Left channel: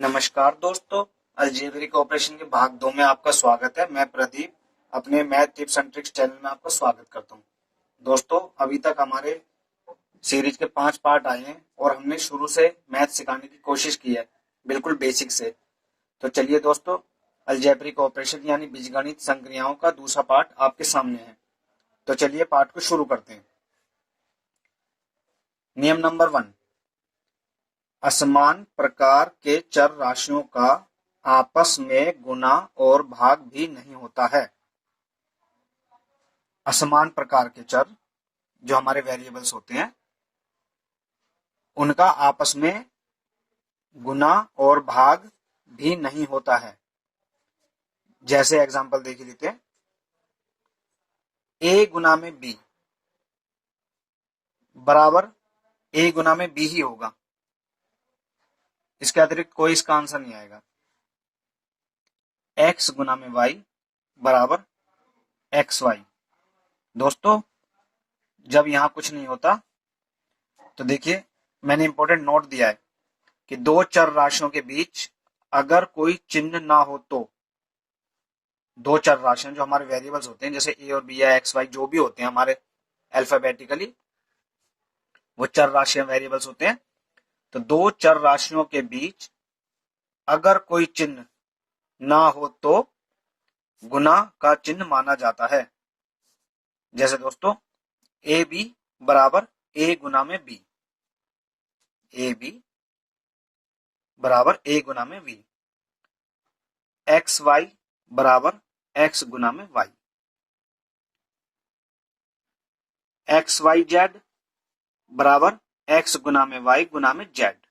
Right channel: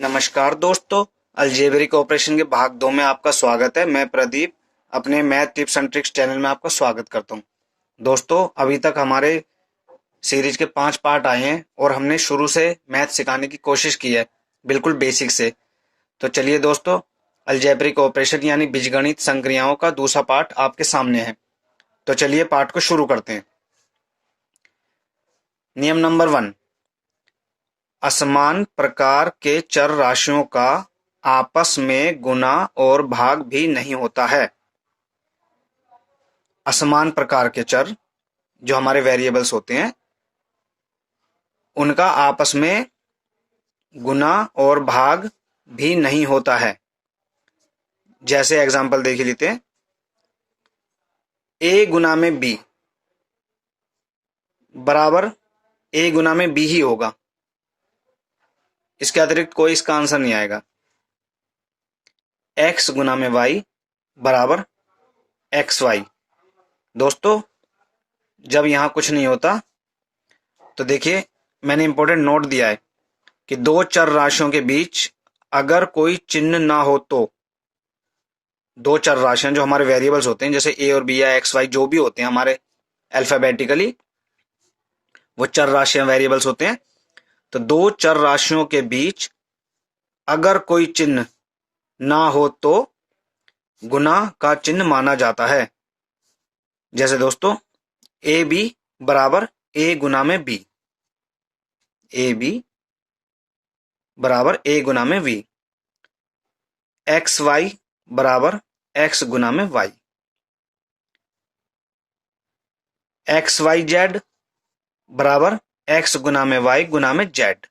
नमस्कार दोस्तों। Algebraic operation के भाग 2 में आपका स्वागत है। मैं प्रदीप अपने math tips and tricks channel में आपका स्वागत करता हूं। दोस्तों, अभी तक हमारे सीरीज के 5 पार्ट आए हैं और हमने शुरू से मैथ सिखाने की कोशिश की है, बिल्कुल बेसिक से। तो चलिए दोस्तों, अलजेब्रिक ऑपरेशन यानी बीजगणित संक्रियाओं का दूसरा पार्ट आपके सामने है। तो चलिए पार्ट को शुरू करते हैं। नियम नंबर 1, असमान प्रकार के चर राशियों का आपस में गुणा और भाग भी नहीं होता है। असमान प्रकार के चर जो हमारे वेरिएबल्स होते हैं, उनका आपस में गुणा और भाग भी नहीं होता है। जैसे एग्जांपल देख लेते हैं। ए गुना में बी बराबर ए गुना में बी ही होगा, इसके अतिरिक्त कोई इसका आंसर नहीं आएगा। एक्स गुना में वाई बराबर एक्स वाई। दोस्तों, जब यहां कुछ नहीं होता तो देखिए, मैंने इंपॉर्टेंट नोट दिया है कि दो चर राशियों के बीच अगर कोई चिन्ह ना हो तो, दो चर राशियां जो हमारे वेरिएबल्स होते हैं, जैसे ए और बी या एक्स वाई जो भी होते हैं हमारे अल्फाबेटिकली, वो चर राशियां वेरिएबल्स होते हैं। तो दो चर राशियों के बीच अगर कोई चिन्ह ना हो तो गुना का चिन्ह माना जाता है। जैसे दोस्तों, ए बी बराबर ए गुना में बी, ए बी बराबर ए गुना में बी, एक्स वाई बराबर एक्स गुना में वाई, एक्स वाई जेड बराबर एक्स गुना में वाई गुना में जेड।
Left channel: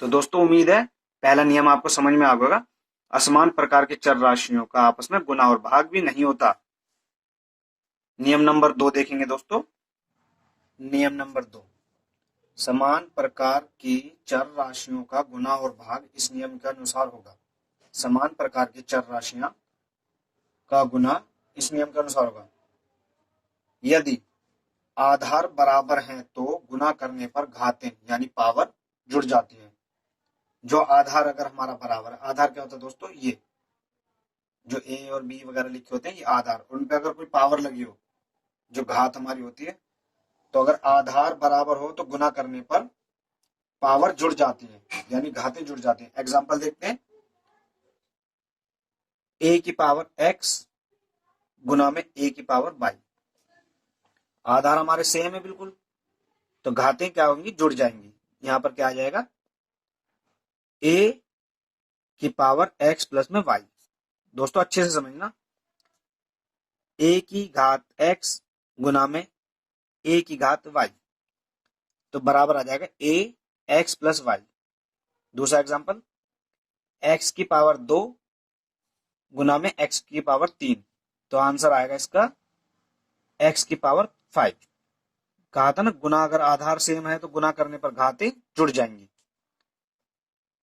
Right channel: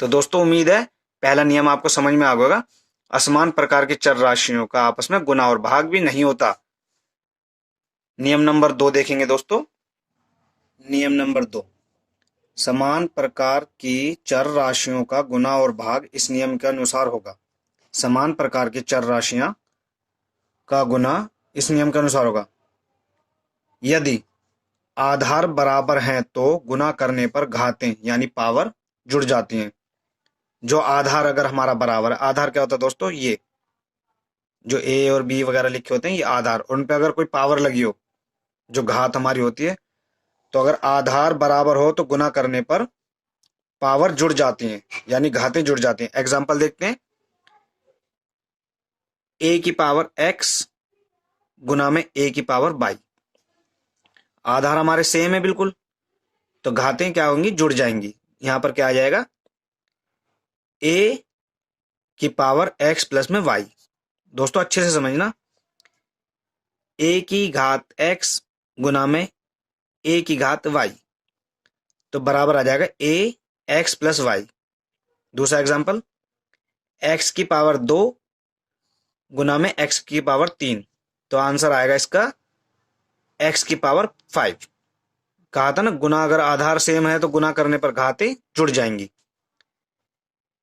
तो दोस्तों, उम्मीद है पहला नियम आपको समझ में आ गया होगा। असमान प्रकार की चर राशियों का आपस में गुना और भाग भी नहीं होता। नियम नंबर 2 देखेंगे दोस्तों। नियम नंबर 2, समान प्रकार की चर राशियों का गुना और भाग इस नियम के अनुसार होगा। समान प्रकार की चर राशियां का गुना इस नियम के अनुसार होगा। यदि आधार बराबर हैं तो गुना करने पर घातें यानी पावर जुड़ जाती हैं। जो आधार अगर हमारा बराबर है, आधार क्या होता है दोस्तों, ये जो ए और बी वगैरह लिखे होते हैं, ये आधार, उन पे अगर कोई पावर लगी हो, जो घात हमारी होती है, तो अगर आधार बराबर हो तो गुना करने पर पावर जुड़ जाती हैं, यानी घातें जुड़ जाती हैं। एग्जाम्पल देखते हैं। ए की पावर एक्स गुना में ए की पावर बाई। आधार हमारे सेम है बिल्कुल, तो घातें क्या होंगी, जुड़ जाएंगी। यहां पर क्या आ जाएगा, ए की पावर एक्स प्लस में वाई। दोस्तों अच्छे से समझना, ए की घात एक्स गुना में ए की घात वाई, तो बराबर आ जाएगा ए एक्स प्लस वाई। दूसरा एग्जाम्पल, एक्स की पावर 2 गुना में एक्स की पावर 3, तो आंसर आएगा इसका एक्स की पावर 5। कहा था ना, गुना अगर आधार सेम है तो गुना करने पर घातें जुड़ जाएंगी।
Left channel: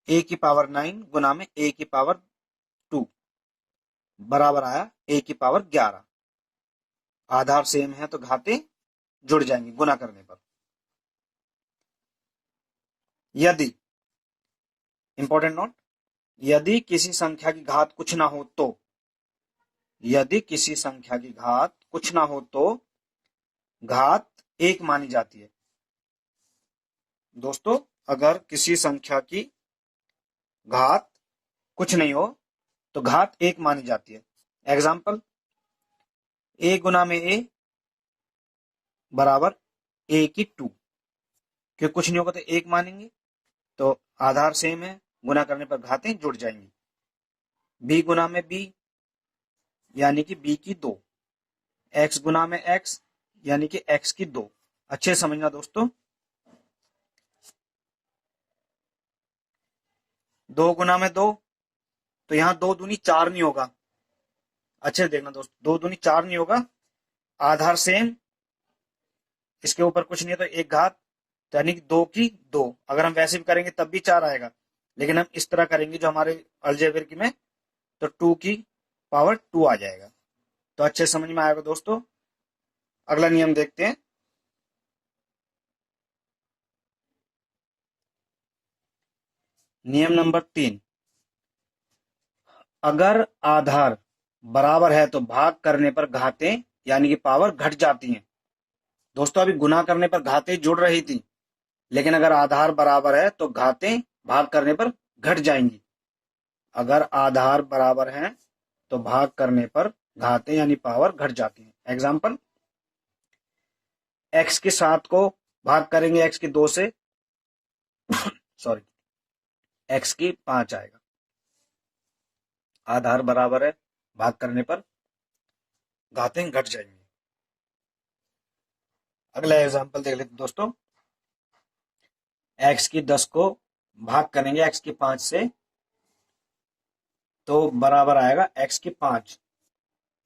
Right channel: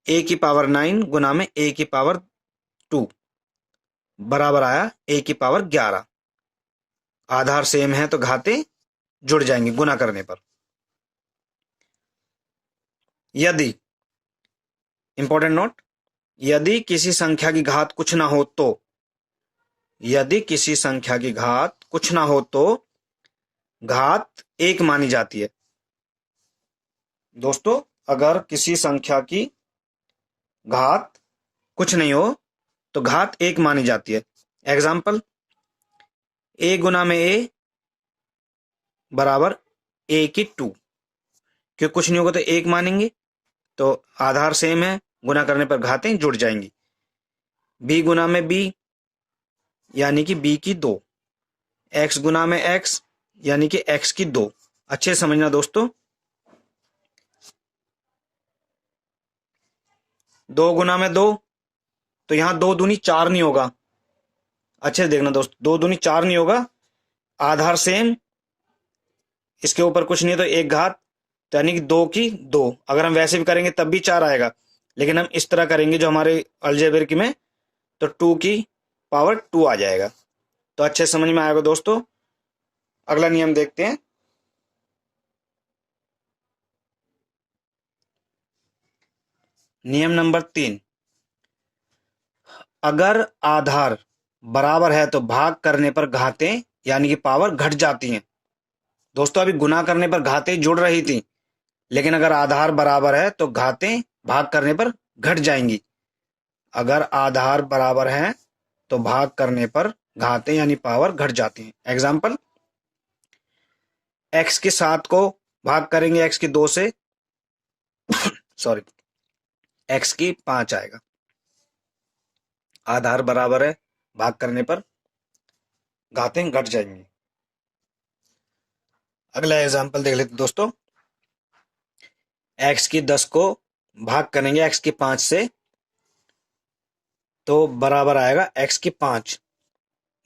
ए की पावर 9 गुना में ए की पावर 2 बराबर आया ए की पावर 11। आधार सेम है तो घातें जुड़ जाएंगी गुना करने पर। यदि, इंपॉर्टेंट नोट, यदि किसी संख्या की घात कुछ ना हो तो, यदि किसी संख्या की घात कुछ ना हो तो घात एक मानी जाती है। दोस्तों, अगर किसी संख्या की घात कुछ नहीं हो तो घात एक मानी जाती है। एग्जाम्पल, ए गुना में ए बराबर ए की 2, क्योंकि कुछ नहीं होगा तो एक मानेंगे, तो आधार सेम है, गुना करने पर घातें जुड़ जाएंगी। बी गुना में बी यानी कि बी की 2, एक्स गुना में एक्स यानी कि एक्स की 2। अच्छे समझना दोस्तों। 2 गुना में 2, तो यहां 2 दूनी 4 नहीं होगा। अच्छे से देखना दोस्त, 2 दूनी 4 नहीं होगा, आधार सेम, इसके ऊपर कुछ नहीं है तो एक घात, तो यानी कि 2 की 2। अगर हम वैसे भी करेंगे तब भी 4 आएगा, लेकिन हम इस तरह करेंगे जो हमारे अलजेब्रिक में, तो 2 की पावर 2 आ जाएगा। तो अच्छे समझ में आएगा दोस्तों। अगला नियम देखते हैं। नियम नंबर 3, अगर आधार बराबर है तो भाग करने पर घातें यानी कि पावर घट जाती हैं। दोस्तों अभी गुना करने पर घातें जुड़ रही थी, लेकिन अगर आधार बराबर है तो घातें भाग करने पर घट जाएंगी। अगर आधार बराबर है तो भाग करने पर घातें यानी पावर घट जाती हैं। एग्जाम्पल, एक्स के 7 को भाग करेंगे एक्स की 2 से, सॉरी, एक्स की 5 आएगा। आधार बराबर है, भाग करने पर घातें घट जाएंगी। अगला एग्जाम्पल देख लेते दोस्तों, एक्स की 10 को भाग करेंगे एक्स की 5 से, तो बराबर आएगा एक्स की 5।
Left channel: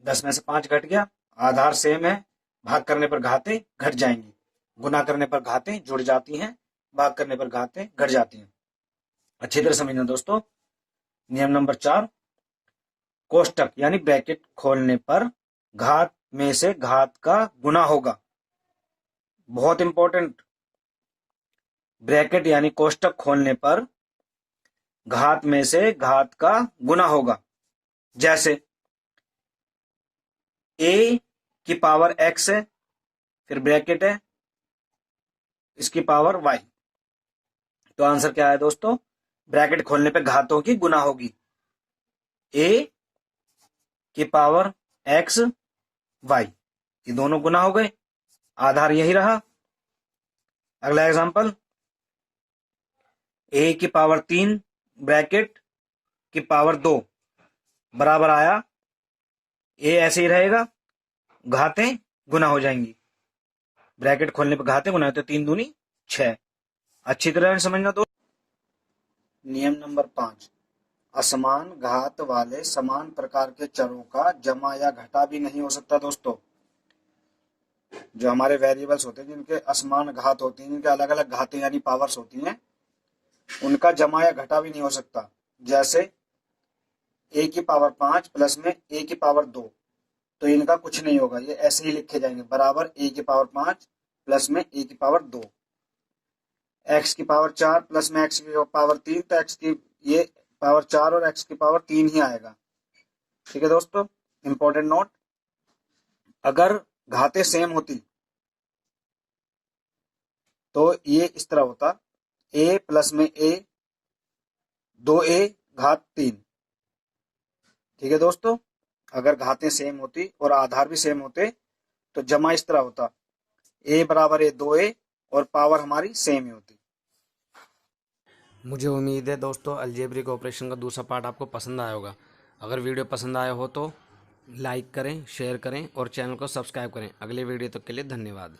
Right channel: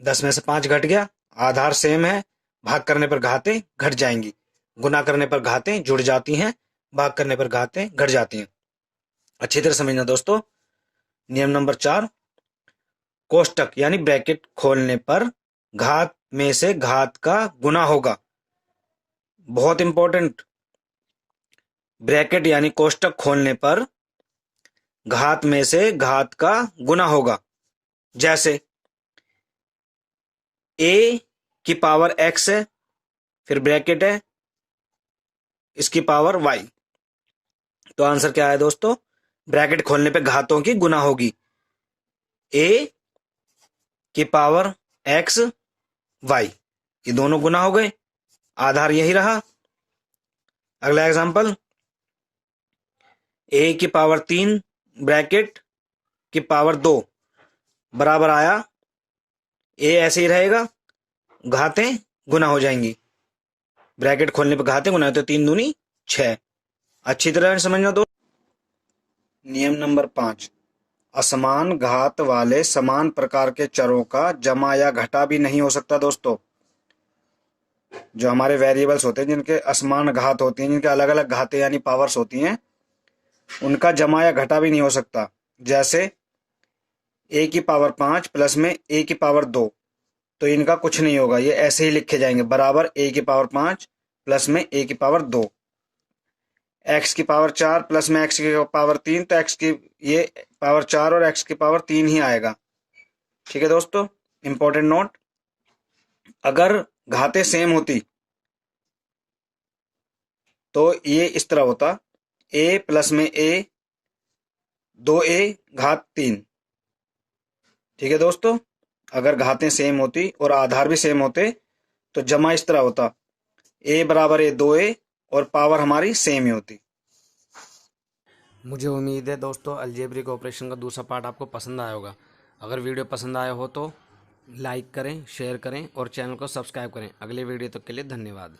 10 में से 5 घट गया, आधार सेम है, भाग करने पर घातें घट जाएंगी, गुना करने पर घातें जुड़ जाती हैं, भाग करने पर घातें घट जाती हैं। अच्छी तरह समझना दोस्तों। नियम नंबर 4, कोष्टक यानी ब्रैकेट खोलने पर घात में से घात का गुना होगा। बहुत इंपॉर्टेंट, ब्रैकेट यानी कोष्टक खोलने पर घात में से घात का गुना होगा। जैसे a की पावर x है, फिर ब्रैकेट है, इसकी पावर y। तो आंसर क्या है दोस्तों, ब्रैकेट खोलने पे घातों की गुना होगी। a की पावर x y, ये दोनों गुना हो गए, आधार यही रहा। अगला एग्जांपल, a की पावर 3 ब्रैकेट की पावर 2 बराबर आया, a ऐसे ही रहेगा, घातें गुना हो जाएंगी, ब्रैकेट खोलने पे घातें गुना, तो 3 दूनी 6। अच्छी तरह समझना दोस्तों। नियम नंबर 5, असमान घात वाले समान प्रकार के चरों का जमा या घटा भी नहीं हो सकता। दोस्तों जो हमारे वेरिएबल्स होते हैं जिनके असमान घात होती हैं, जिनके अलग अलग घातें यानी पावर्स होती हैं, उनका जमा या घटा भी नहीं हो सकता। जैसे a की पावर 5 प्लस में a की पावर 2, तो इनका कुछ नहीं होगा, ये ऐसे ही लिखे जाएंगे, बराबर a की पावर 5 प्लस में a की पावर 2। x की पावर 4 प्लस में x की पावर 3, तो x की ये पावर 4 और x की पावर 3 ही आएगा। ठीक है दोस्तों, इंपॉर्टेंट नोट, अगर घातें सेम होती तो ये इस तरह होता, a प्लस में a 2a घात 3। ठीक है दोस्तों, अगर घातें सेम होती और आधार भी सेम होते तो जमा इस तरह होता, a बराबर a 2a और पावर हमारी सेम ही होती। मुझे उम्मीद है दोस्तों अलजेब्रिक ऑपरेशन का दूसरा पार्ट आपको पसंद आया होगा। अगर वीडियो पसंद आया हो तो लाइक करें, शेयर करें और चैनल को सब्सक्राइब करें। अगले वीडियो तक के लिए धन्यवाद।